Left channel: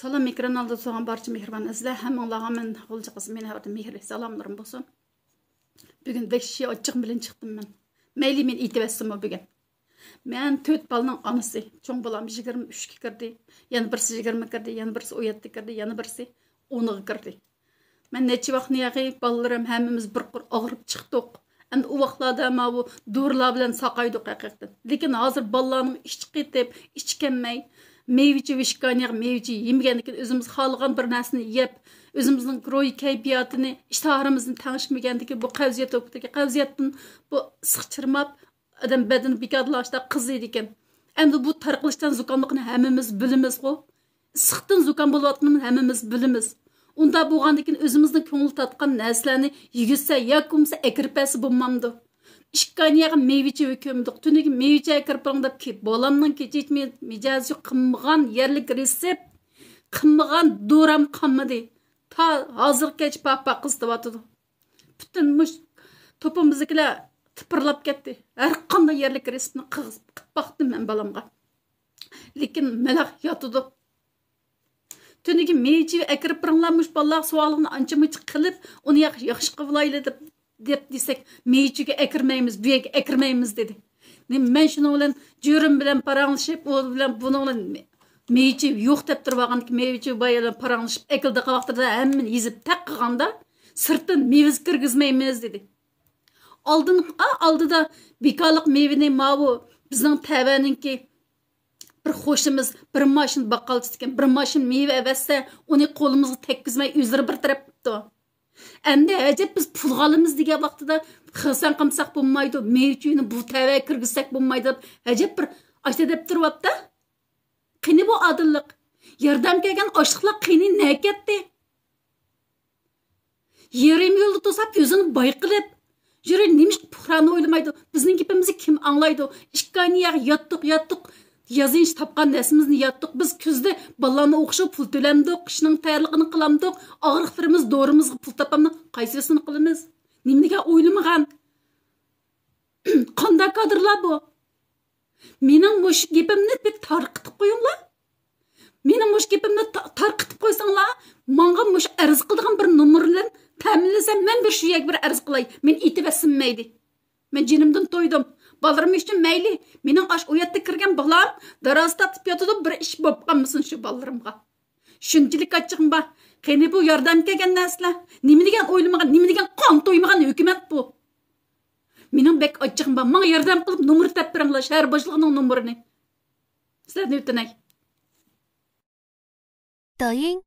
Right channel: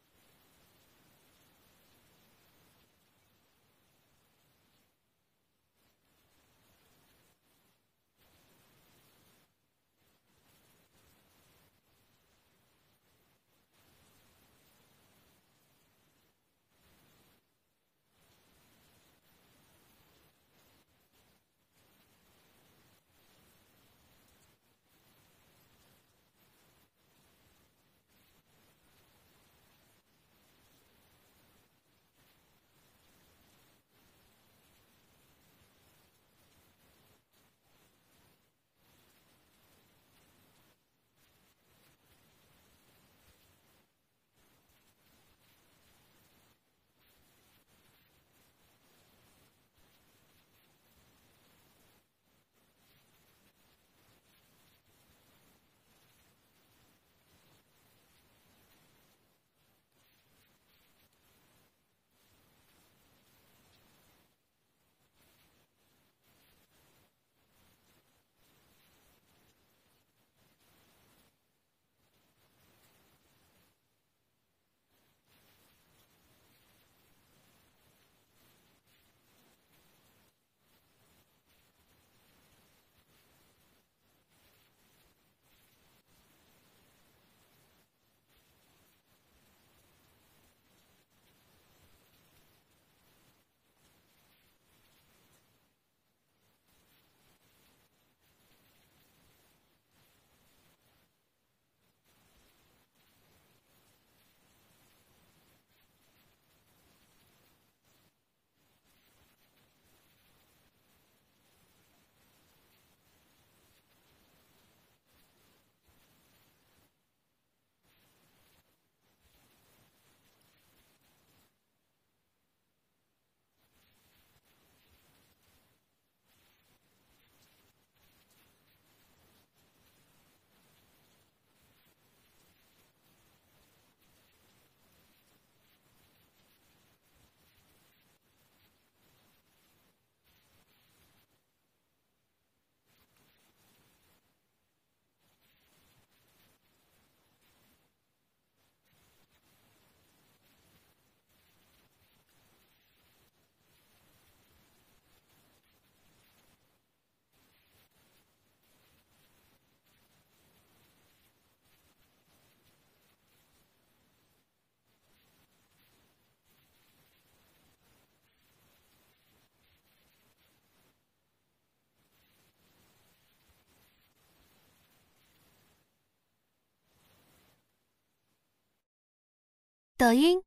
Salam ekran aldı soğan barcha mehriban izle. Hammanglarga men G'ulji qiz meni haqida mehri salomlarim bo'lsin. Bugun vahshiy ochiq bilan chiqdim men. Mayli men aytibasam bugun. Men 4 balaning onasi. Cho'ng balam 23 ga kirdi. Yana birisi 20 kirdi, yana birisi 17 kirdi, yana birisi 10 ga kirdi. Men necha vaqtni yag'i balalarim hammamiz bir qur og'rib chiqdik. Endi u vaqtlarda ma bu dorilar bilan saqaydik haqiqatan. Lekin hozir balalarning ichi qetib, ichi kelmay meyveci vişkaniyaq meyveci yemegəndikin özümüz xalığan bir nərsini yeyib, özümüzün roy keyfiyatını, iştaharımızın tanışmagəndikin bu qavziyat okudaki qavziyatdan bu sıqçırmab adam bədəni bekadlaşda qızıydı ekan. Endi bu tarqılışdan zukamlıqını həmmimiz bilimiz qo. Sıqdan zukam bolayotganını həmmimiz bilimiz. Unda bo'lgandikin özümüzün ko'ngil tatqan narsalarni yigitsa yoki akirpasi bo'lmamdi. İşkaniyaga meyveci hükümdük. Tünüki meyveci akırpırındap ki, bolamның keçetme micazi qımmıgan yerlik resept, qımmıgan doram qammadı. Ta hazır keç papa qızdıvatıdı. Bütün muş topumuzdakiler tıpırlap ketdi. Her qanday yerlik reseptni qıp baxtım men balamga. Lekin melaq yatıdı. Tünüki meyveci akırpırınlarmış ballar sualını ançımıç qilib, onu yaxşı qıvlaylı deb desek, meyveciga akirmaymiz, bu yerga akirmaymiz dedi. Men shuni bilan jo'rim bilan paranglashib, u bilan buni bilan meyveci yo'q deb turib olgan, meyveci bilan paranglashib, akilda qavaqtirda hammani yezib taq qilganda, sirtdan meyvez kirgizmaymiz dedi. Oldida bekorlik meyveni mavu bizning tabaninki bir xo'shimiz bir mashin baqqalchisi ekan, bir mashin meyve avassa, uni qo'limizga tekkizmay o'zlari bir taraf qildi. Endi acaba biz pul alımız diye vaqtida xilsan qilsak bo'lmaydi, mevjuni bu tava kirgizsak bo'lmaydi. Acaba bir ashta deb turibdi. Qani bu adillik? Yordam kelgan oshliqlar qani ne ketdi? Yerim yo'lda to'sab o'zini bayqilib, yuri nemish puhrani o'ylamaydi. Bizning gapimizni kim anglaydi? Ishkaniya yotdiq. Yazınç tapqan nəsimizni yatdıq. Biz küzdə ballarını oxşab pul töləmdik. Qışının tayarlığını qılamdıq. Ağırlıqlarımız, doğrumuzga pul tapamdı. Qaysısını qılımız? Nimniga o'ylamag'an? Qanday kadrlar bu? Mening mush gapimni bir tarqitib qo'yinglar. Mening mush gapimni tarqitib qo'ysanglar, menga mush arz qiladigan bir nomerdan ta'minlasam, men bir shu yak bir arz qilay. Men etivasinmaydi. Men jinimdan to'ydim. Balarım üçün meyli. Mening aş oyatda kirgan balam daraz tatib yotidi, bir ish bo'lib qolmasin shu balarimga. Shunchalik achchig'im bor. Qani bu yordam kelgan narsalar, nima degan o'ylamagan, nima degan qon to'ymagan hukumat bu. Mening bek achchig'im bor. Menga yordam qilib nomer tap beringlar, shahar boshlig'ining nomerini. Sizlarni o'tinay. 抖音